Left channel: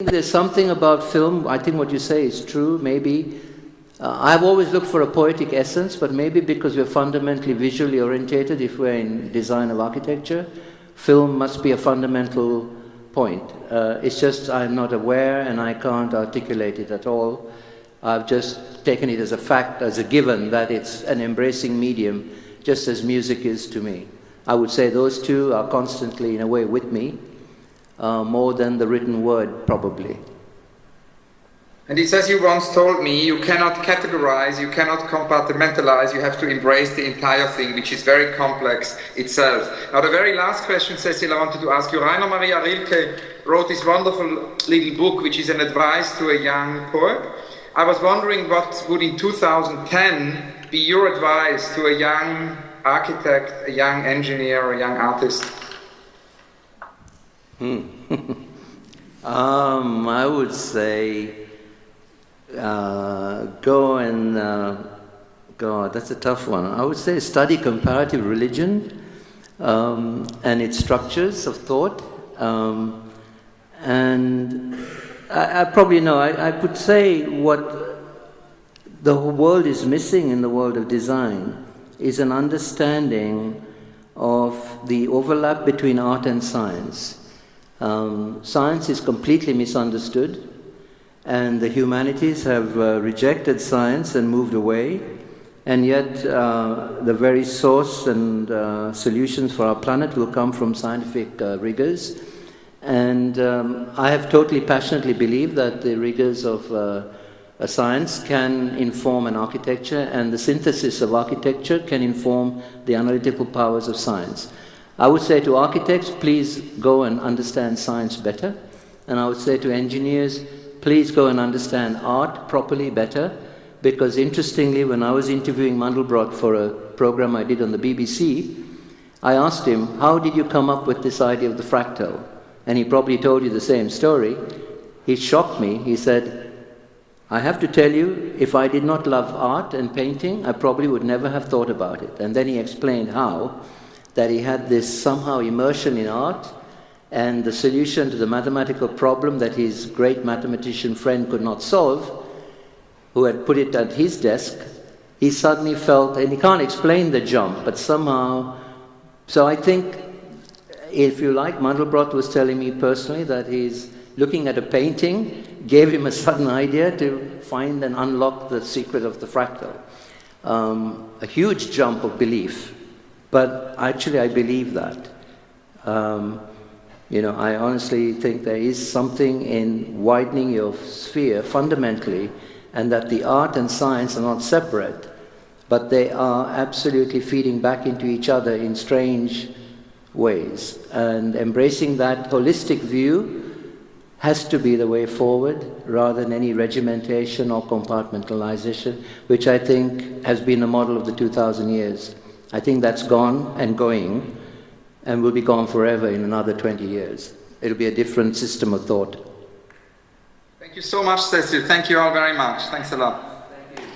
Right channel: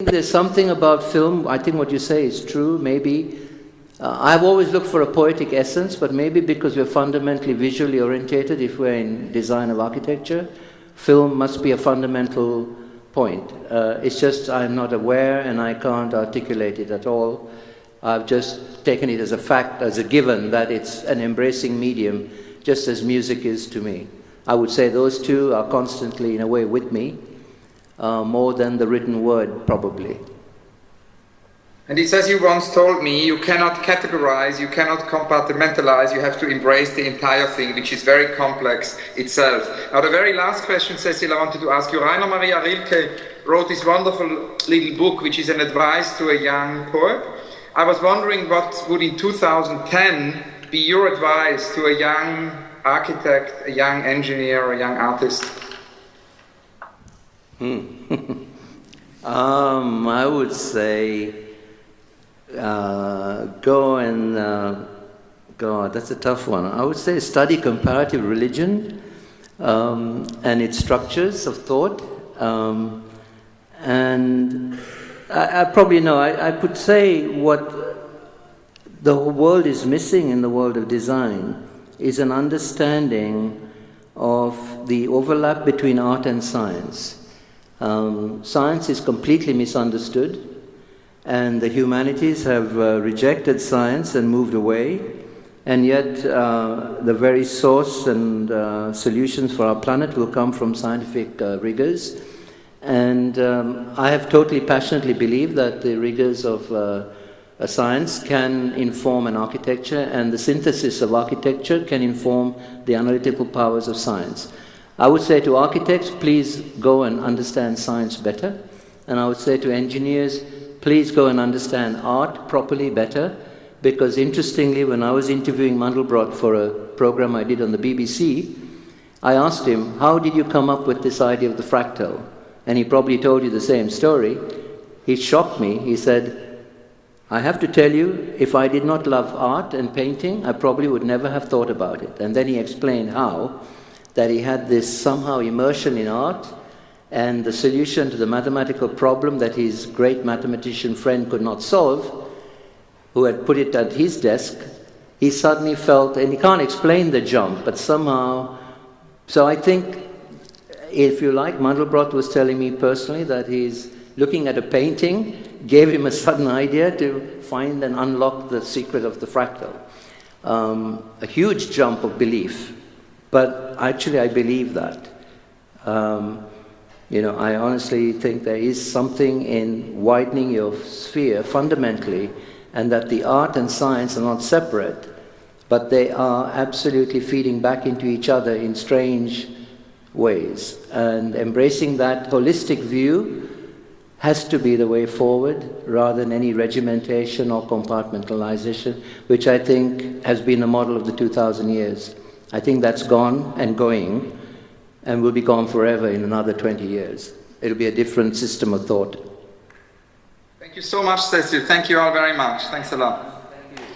There's something about film, I think what you say is true, maybe. I've always looked for a poetic essence, but maybe because we're fundamentally visually orientated, if we're in design of architecture, film must be a fundamental point. It's just I'm not aware and I can't articulate it at all. I've just taken it as a fact, as a given, that it's an embracing medium, just as music is to me. I would say those two are constantly, in a way, with me, more than the written word, probably. And it says, you once told me, you cannot categorize, you cannot compartmentalize, you have to embrace the entire thing, which is very complex itself. Now, the very last question, Cecil, I wanted to ask you. Rainer Maria Rilke wrote this wonderful little book, which is an advice to a young poet. I was wondering what would in 2010 be your advice to a young architect, a young engineer, a young artist? I would say go and God, that's a tough one. I would say study comparative religion and its structures of thought. And I probably know, I could say what the world is missing in the world of design is an understanding of the overlap between art and science. Science is completely misunderstood, and the humanities have rejected science and moved away, and yet the very source and solutions for our planet will come from scientific rigors. And I have totally passionately believed that the rigors of a science can inform an architecture, and the synthesis of architecture can inform the analytical powers of science. I would say to architects, please go and understand science better. And I would say to engineers, please go and understand art properly better. Because interestingly, when I was interviewing Mandelbrot for a program I did on the BBC, I asked him, how did you come up with this idea of the fractal? And he probably told you the same story. He shocked me. He said, I have to tell you, if I did not love art and painting, I probably would never have thought about it. And then he explained how, that he had this somehow immersion in art, and the solution to the mathematical problem that his great mathematician friend could not solve, who had put it at his desk, he suddenly felt, and he can't explain the jump, but somehow, so I think, if you like, Mandelbrot was telling me personally that he's looking at a painting, gave him a sudden idea to find and unlock the secret of the fractal. A huge jump of belief, but actually I believe that. I honestly think there is something in widening your sphere fundamentally, and that the art and science are not separate, but they are absolutely feeding back into each other in strange ways. And embracing that holistic view has to be the way forward, rather than any regimentation or compartmentalization, which I think has been the model of the 2,000 years. I think that's gone and going, and will be gone forever in another 20 years. It'll be a different system of thought. Thank you so much, Cecil. Thank you all very much. Thanks a lot. Thank you.